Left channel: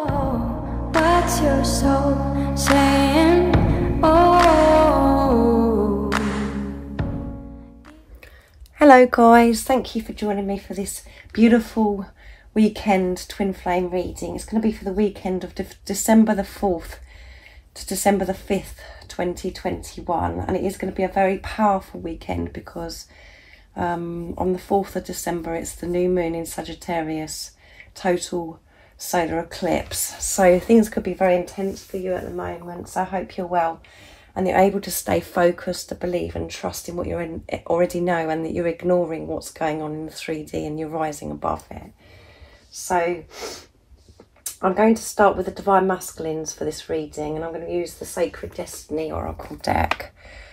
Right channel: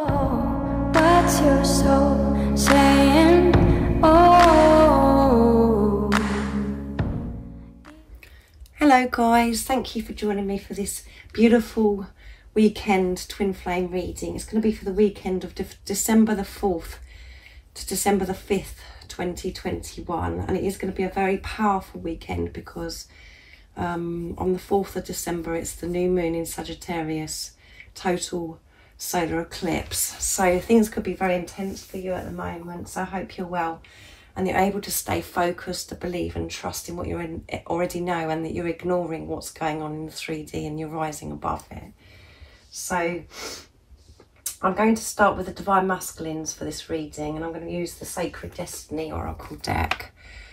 What's your soul saying? Oh. Hello guys, thank you for joining me for this beautiful weekend twin flame reading. It's going to be for the weekend of December the 4th to December the 5th 2021, and it is going to be a very powerful weekend because on the 4th of December it's the new moon in Sagittarius, total solar eclipse, so things could be very intense for you at the moment. So I hope you're well and you're able to stay focused, to believe and trust in what you already know, and that you're ignoring what's going on in the 3D and you're rising above it. So I'm going to start with the Divine Masculines for this reading, and I'm going to use the Sacred Destiny Oracle deck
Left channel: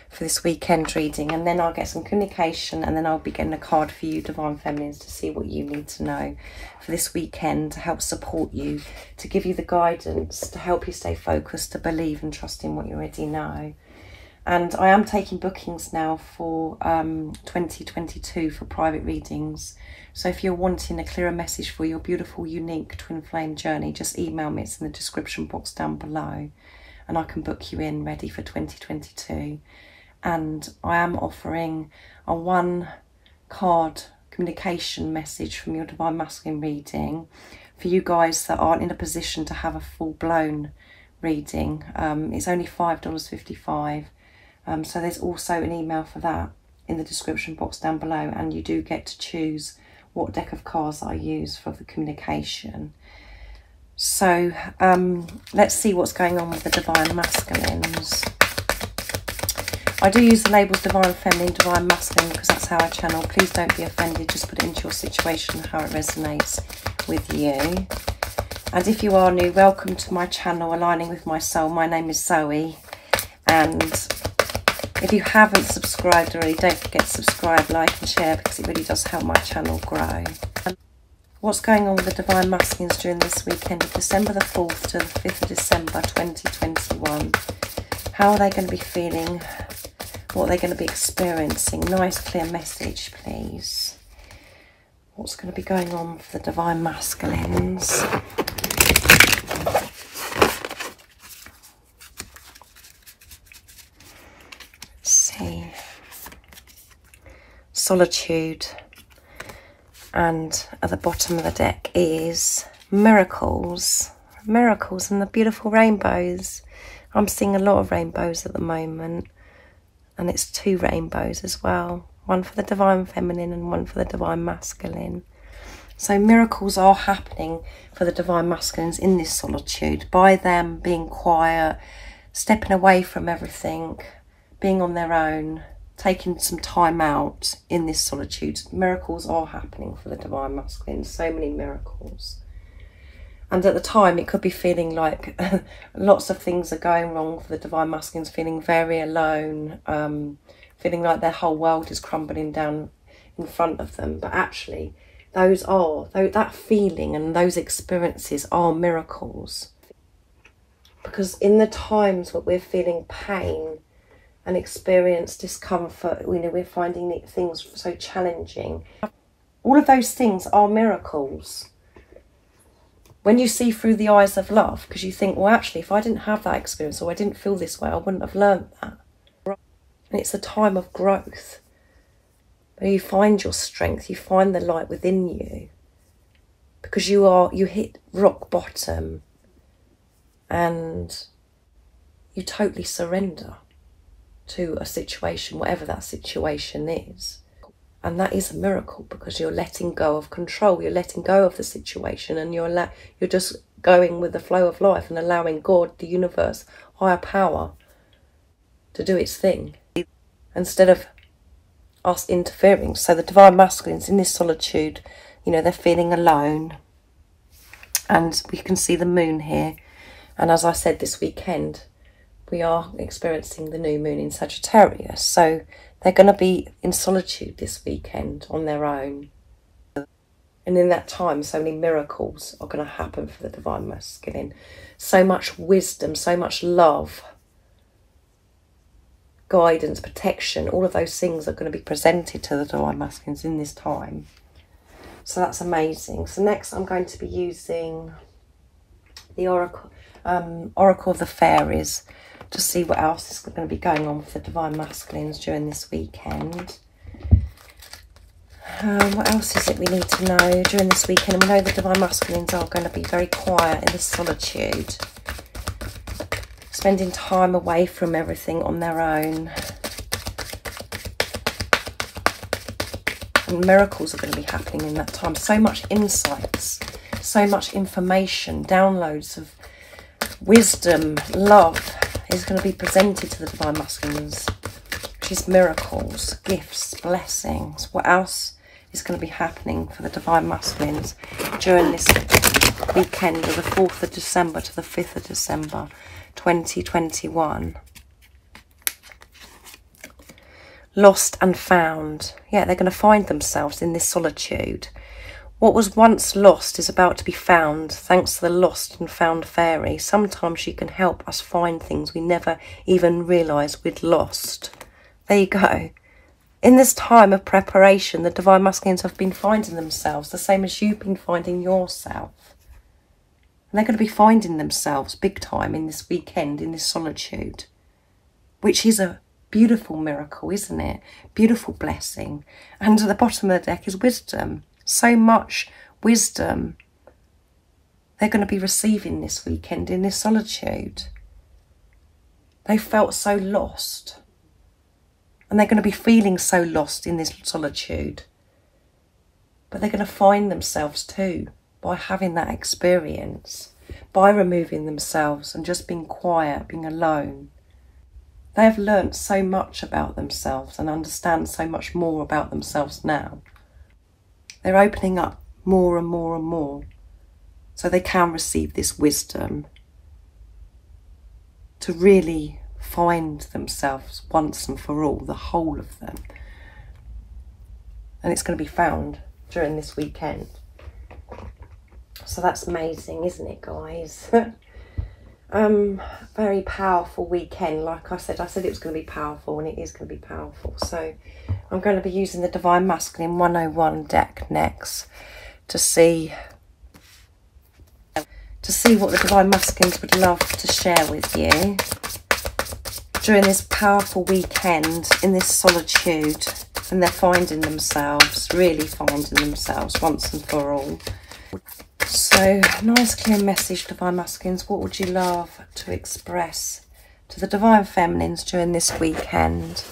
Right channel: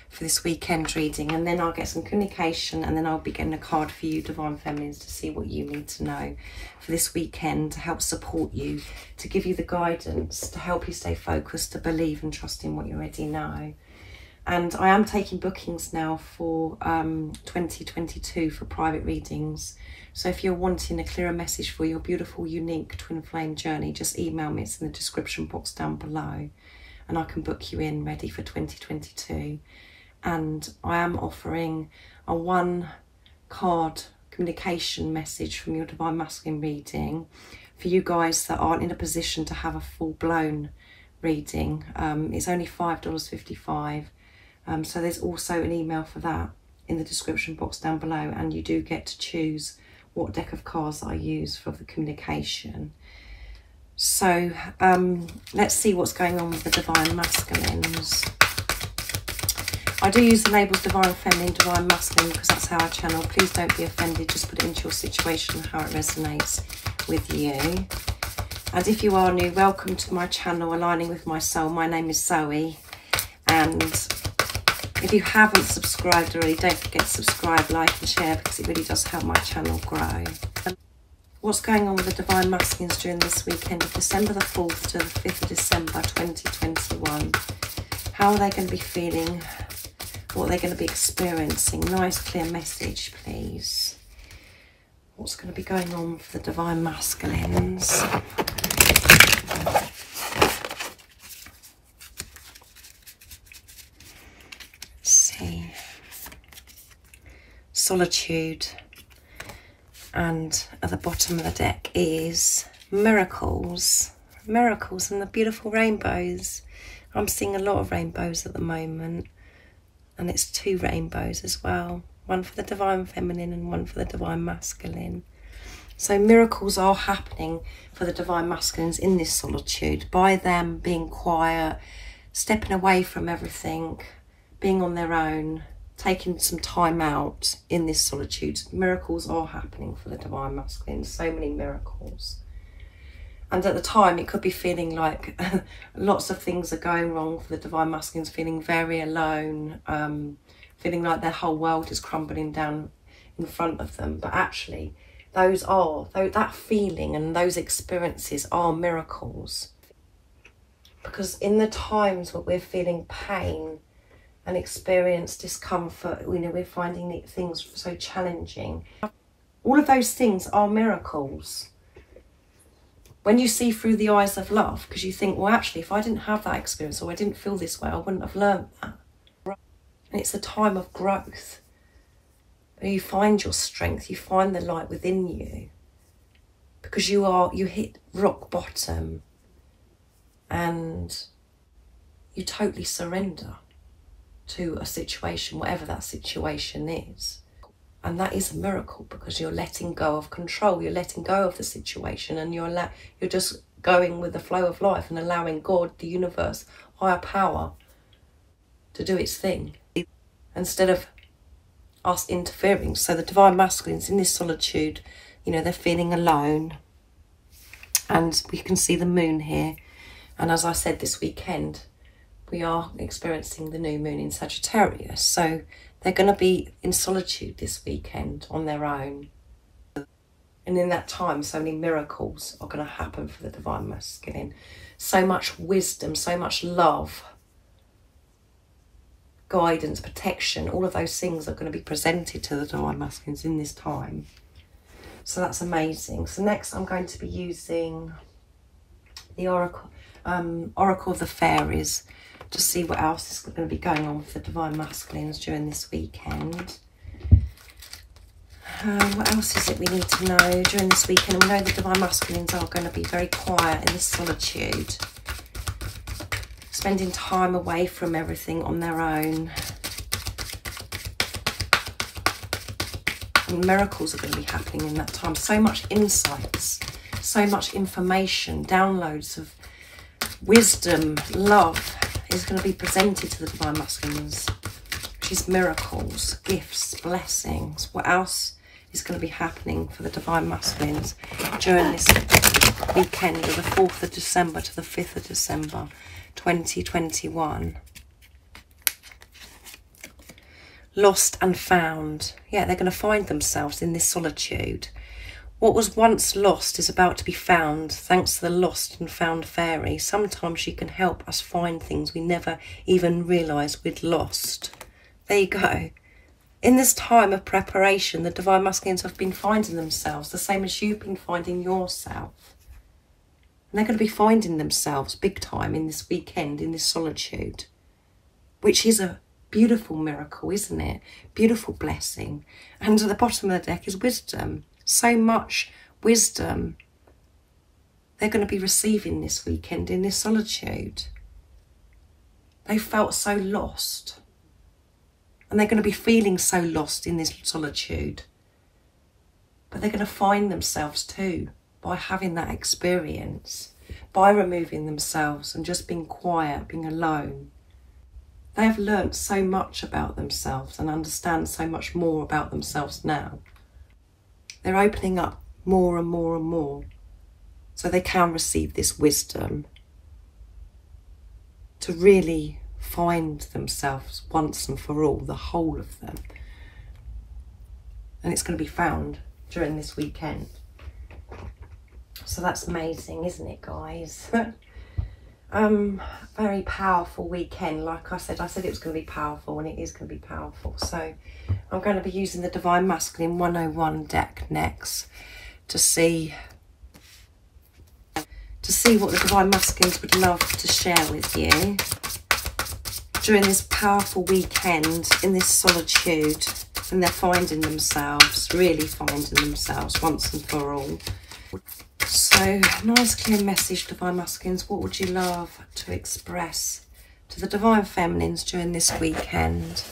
for this weekend reading, and then I'll get some communication, and then I'll be getting a card for you Divine Feminines to see what you need to know for this weekend to help support you, to give you the guidance, to help you stay focused, to believe and trust in what you already know. And I am taking bookings now for 2022 for private readings. So if you're wanting a clearer message for your beautiful, unique twin flame journey, just email me. It's in the description box down below, and I can book you in ready for 2022. And I am offering a 1 card communication message from your Divine Masculine reading for you guys that aren't in a position to have a full-blown reading. It's only $5.55. So there's also an email for that in the description box down below, and you do get to choose what deck of cards I use for the communication. So let's see what's going on with the Divine Masculines. I do use the labels Divine Feminine, Divine Masculine because that's how I channel. Please don't be offended, just put it into your situation how it resonates with you. And if you are new, welcome to my channel, Aligning with My Soul. My name is Zoe, and if you haven't subscribed already, don't forget to subscribe, like and share, because it really does help my channel grow. What's going on with the Divine Masculines during this weekend of December the 4th to the 5th of December 2021? How are they going to be feeling? What are they going to be experiencing? Nice clear message, please. What's going to be going on for the Divine Masculines? Let's see. Solitude. And at the bottom of the deck is miracles. Miracles and the beautiful rainbows. I'm seeing a lot of rainbows at the moment. And it's 2 rainbows as well. One for the Divine Feminine and one for the Divine Masculine. So miracles are happening for the Divine Masculines in this solitude, by them being quiet, stepping away from everything, being on their own, taking some time out in this solitude. Miracles are happening for the Divine Masculines, so many miracles. And at the time, it could be feeling like lots of things are going wrong for the Divine Masculines, feeling very alone, feeling like their whole world is crumbling down in front of them. But actually, that feeling and those experiences are miracles. Because in the times where we're feeling pain and experience discomfort, we're finding things so challenging. All of those things are miracles. When you see through the eyes of love, because you think, well, actually, if I didn't have that experience or I didn't feel this way, I wouldn't have learned that. And it's a time of growth, where you find your strength, you find the light within you, because you hit rock bottom and you totally surrender to a situation, whatever that situation is. And that is a miracle, because you're letting go of control, you're letting go of the situation, and you're just going with the flow of life and allowing God, the universe, higher power to do its thing, instead of us interfering. So the Divine Masculines in this solitude, they're feeling alone, and we can see the moon here. And as I said, this weekend we are experiencing the new moon in Sagittarius, so they're going to be in solitude this weekend on their own. And in that time, so many miracles are going to happen for the Divine Masculine. So much wisdom, so much love, guidance, protection, all of those things are going to be presented to the Divine Masculines in this time. So that's amazing. So next I'm going to be using the Oracle of the Fairies, to see what else is going to be going on with the Divine Masculines during this weekend. What else is it we need to know during this weekend? And we know the Divine Masculines are going to be very quiet in this solitude, spending time away from everything on their own. And miracles are going to be happening in that time. So much insights, so much information, downloads of wisdom, love is going to be presented to the Divine Masculines, which is miracles, gifts, blessings. What else is going to be happening for the Divine Masculines during this weekend of the 4th of December to the 5th of December 2021? Lost and found. Yeah, they're going to find themselves in this solitude. What was once lost is about to be found, thanks to the lost and found fairy. Sometimes she can help us find things we never even realised we'd lost. There you go. In this time of preparation, the Divine Masculines have been finding themselves, the same as you've been finding yourself. And they're going to be finding themselves big time in this weekend, in this solitude, which is a beautiful miracle, isn't it? Beautiful blessing. And at the bottom of the deck is wisdom. So much wisdom they're going to be receiving this weekend in this solitude. They felt so lost. And they're going to be feeling so lost in this solitude. But they're going to find themselves too by having that experience, by removing themselves and just being quiet, being alone. They have learnt so much about themselves and understand so much more about themselves now. They're opening up more and more and more so they can receive this wisdom to really find themselves once and for all, the whole of them. And it's going to be found during this weekend. So that's amazing, isn't it, guys? Very powerful weekend. Like I said it was going to be powerful, and it is going to be powerful. So I'm going to be using the Divine Masculine 101 deck next to see what the Divine Masculines would love to share with you during this powerful weekend in this solitude, and they're finding themselves, really finding themselves once and for all. So, nice clear message, Divine Masculines. What would you love to express to the Divine Feminines during this weekend?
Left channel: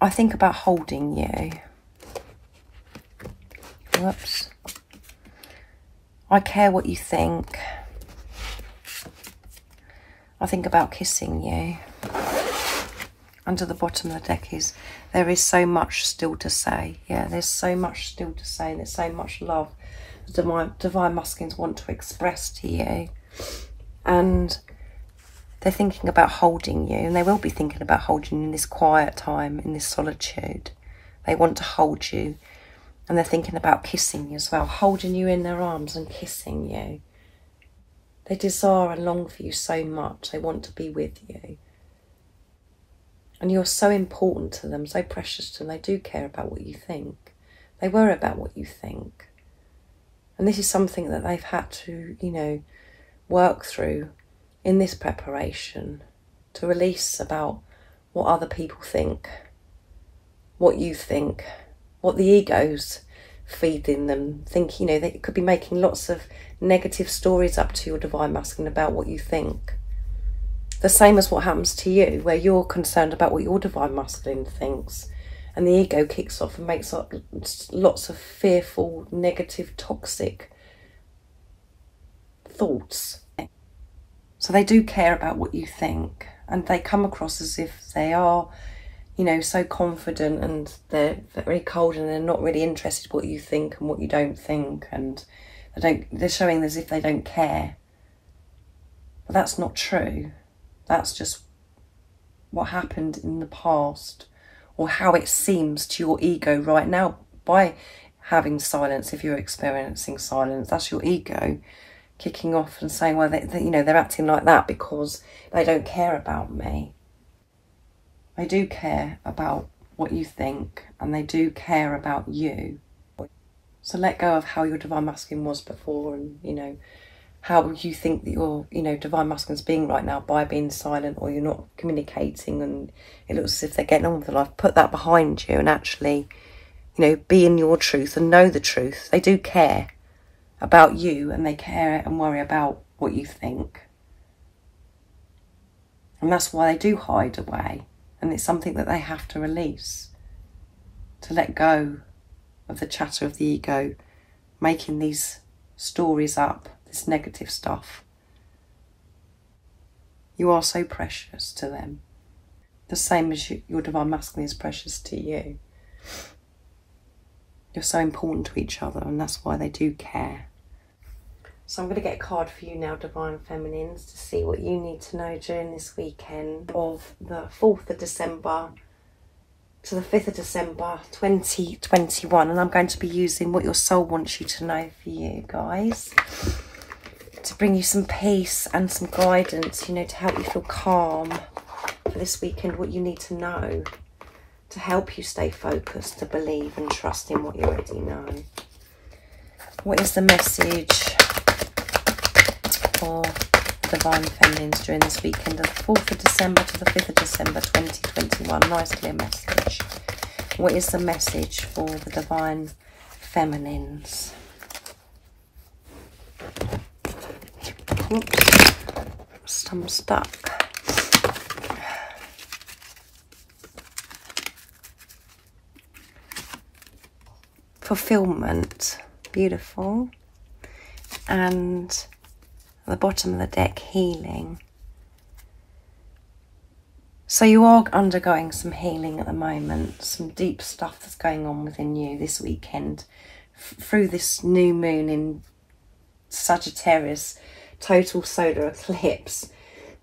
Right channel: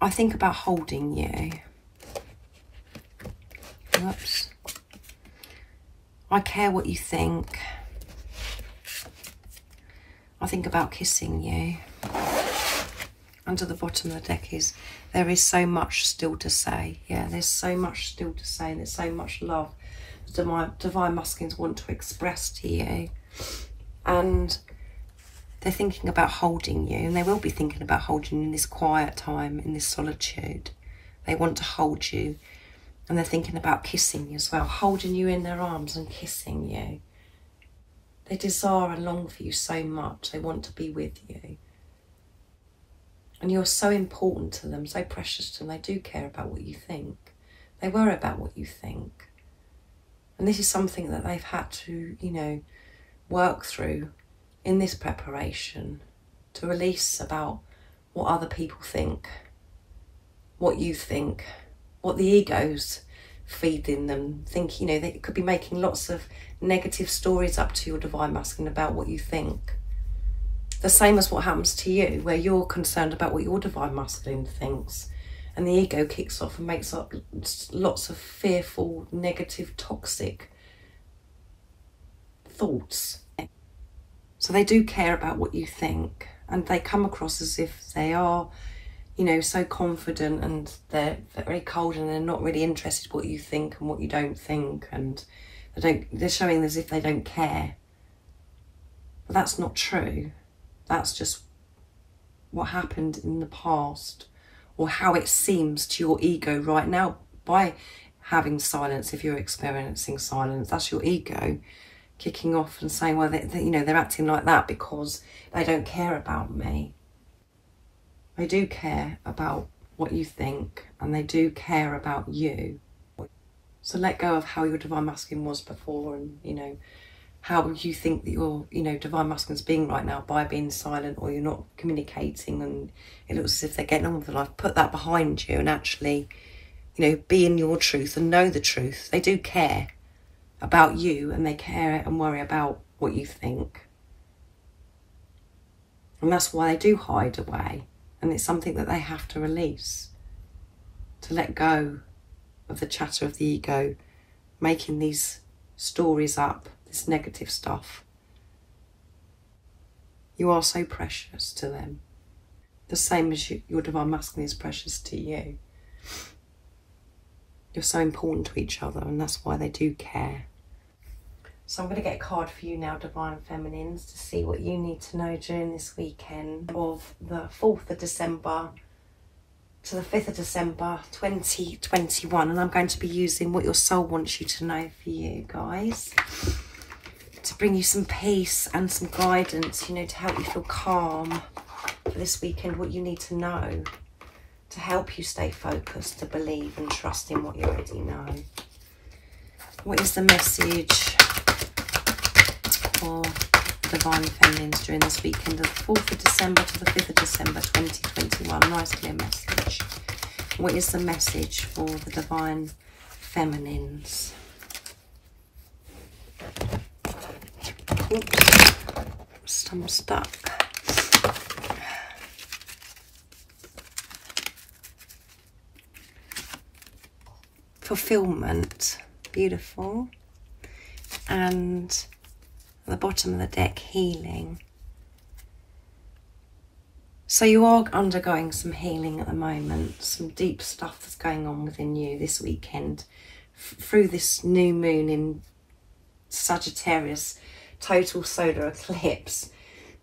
I think about holding you. Whoops. I care what you think. I think about kissing you. Under the bottom of the deck is, there is so much still to say. Yeah, there's so much still to say. There's so much love the Divine Masculines want to express to you. And they're thinking about holding you. And they will be thinking about holding you in this quiet time, in this solitude. They want to hold you. And they're thinking about kissing you as well. Holding you in their arms and kissing you. They desire and long for you so much. They want to be with you. And you're so important to them, so precious to them. They do care about what you think. They worry about what you think. And this is something that they've had to, work through in this preparation, to release about what other people think, what you think, what the egos feed in them. Think, they could be making lots of negative stories up to your Divine Masculine about what you think. The same as what happens to you, where you're concerned about what your Divine Masculine thinks, and the ego kicks off and makes up lots of fearful, negative, toxic thoughts. So they do care about what you think, and they come across as if they are, so confident, and they're very cold, and they're not really interested in what you think and what you don't think, and they're showing as if they don't care. But that's not true. That's just what happened in the past, or how it seems to your ego right now by having silence. If you're experiencing silence, that's your ego kicking off and saying, well, they're acting like that because they don't care about me. They do care about what you think, and they do care about you. So let go of how your divine masculine was before, and, you know, how you think that your, you know, divine masculine's being right now by being silent, or you're not communicating and it looks as if they're getting on with their life. Put that behind you and actually, you know, be in your truth and know the truth. They do care about you, and they care and worry about what you think. And that's why they do hide away. And it's something that they have to release, to let go of the chatter of the ego, making these stories up, this negative stuff. You are so precious to them, the same as your divine masculine is precious to you. You're so important to each other, and that's why they do care. So I'm going to get a card for you now, Divine Feminines, to see what you need to know during this weekend of the 4th of December to the 5th of December 2021. And I'm going to be using what your soul wants you to know for you, guys, to bring you some peace and some guidance, you know, to help you feel calm for this weekend, what you need to know to help you stay focused, to believe and trust in what you already know. What is the message for Divine Feminines during this weekend of the 4th of December to the 5th of December 2021? Nice clear message. What is the message for the Divine Feminines? Oops, I'm stuck. Fulfillment, beautiful. And at the bottom of the deck, healing. So you are undergoing some healing at the moment, some deep stuff that's going on within you this weekend through this new moon in Sagittarius, total solar eclipse.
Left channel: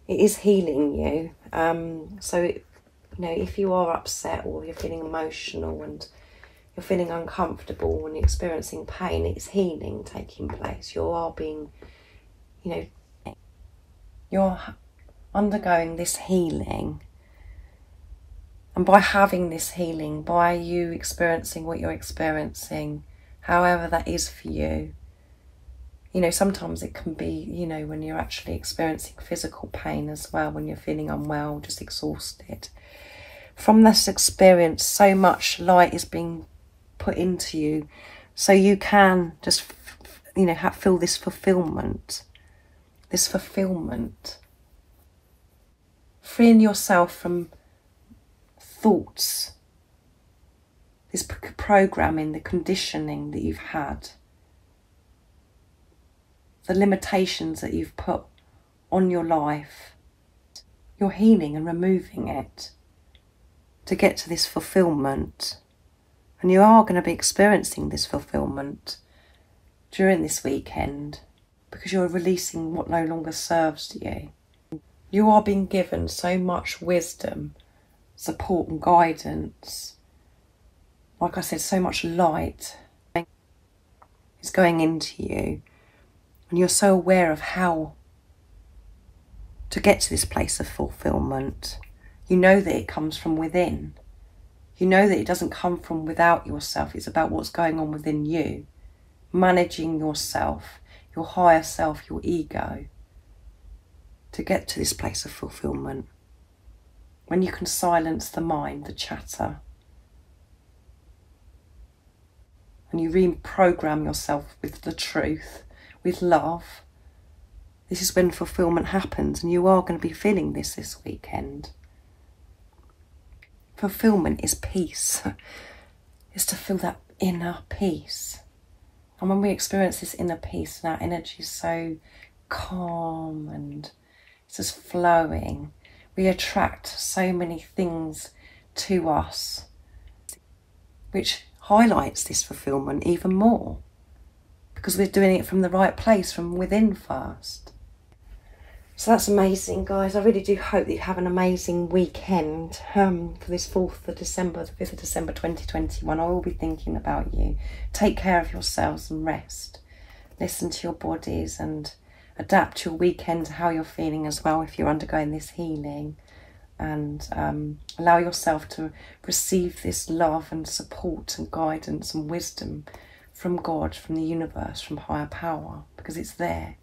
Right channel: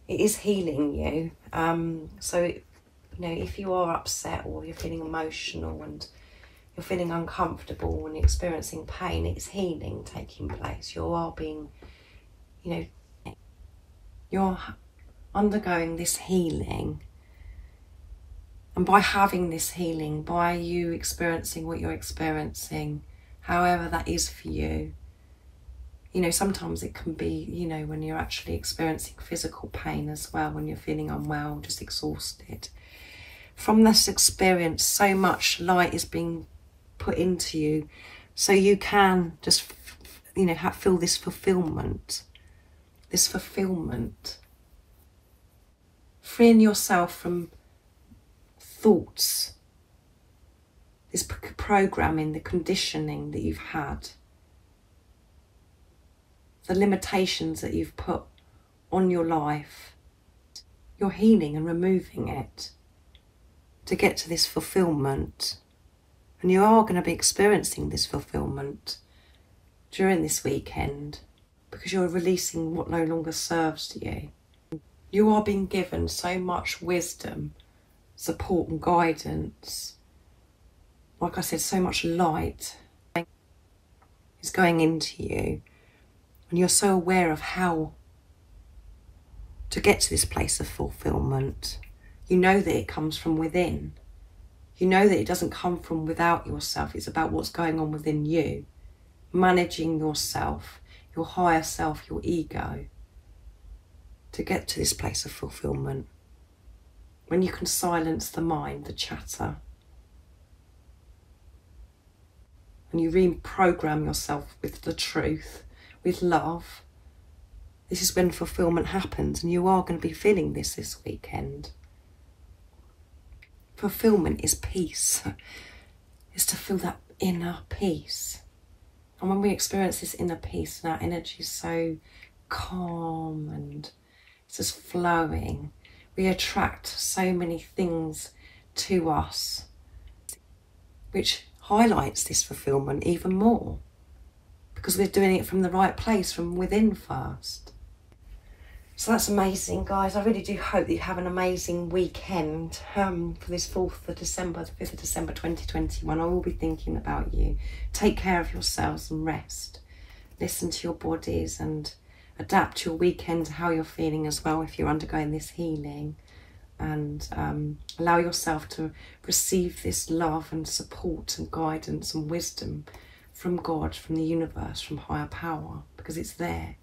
It is healing you. So, you know, if you are upset or you're feeling emotional and you're feeling uncomfortable and you're experiencing pain, it's healing taking place. You are being, you know, you're undergoing this healing. And by having this healing, by you experiencing what you're experiencing, however that is for you, you know, sometimes it can be, you know, when you're actually experiencing physical pain as well, when you're feeling unwell, just exhausted. From this experience, so much light is being put into you, so you can just, you know, feel this fulfillment. This fulfillment. Freeing yourself from thoughts, this programming, the conditioning that you've had, the limitations that you've put on your life. You're healing and removing it to get to this fulfillment. And you are going to be experiencing this fulfillment during this weekend because you're releasing what no longer serves you. You are being given so much wisdom, support and guidance. Like I said, so much light is going into you. And you're so aware of how to get to this place of fulfillment. You know that it comes from within. You know that it doesn't come from without yourself. It's about what's going on within you. Managing yourself, your higher self, your ego, to get to this place of fulfillment. When you can silence the mind, the chatter, and you reprogram yourself with the truth, with love, this is when fulfillment happens, and you are going to be feeling this weekend. Fulfillment is peace. It's to feel that inner peace. And when we experience this inner peace and our energy is so calm and it's just flowing, we attract so many things to us, which highlights this fulfillment even more, because we're doing it from the right place, from within first. So that's amazing, guys. I really do hope that you have an amazing weekend for this 4th of December, the 5th of December 2021. I will be thinking about you. Take care of yourselves and rest. Listen to your bodies and adapt your weekend to how you're feeling as well if you're undergoing this healing. And allow yourself to receive this love and support and guidance and wisdom from God, from the universe, from higher power, because it's there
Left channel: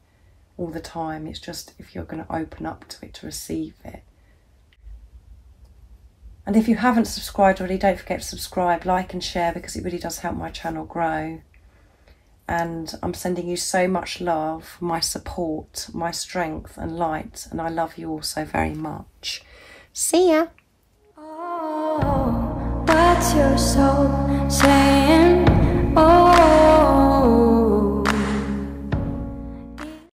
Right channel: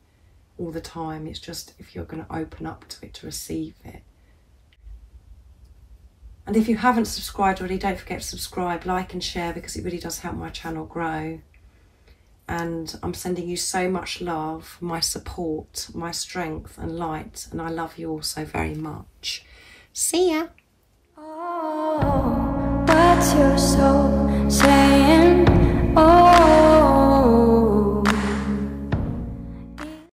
all the time. It's just if you're going to open up to it, to receive it. And if you haven't subscribed already, don't forget to subscribe, like and share, because it really does help my channel grow. And I'm sending you so much love, my support, my strength and light, and I love you all so very much. See ya. Oh, what's your soul saying? Oh.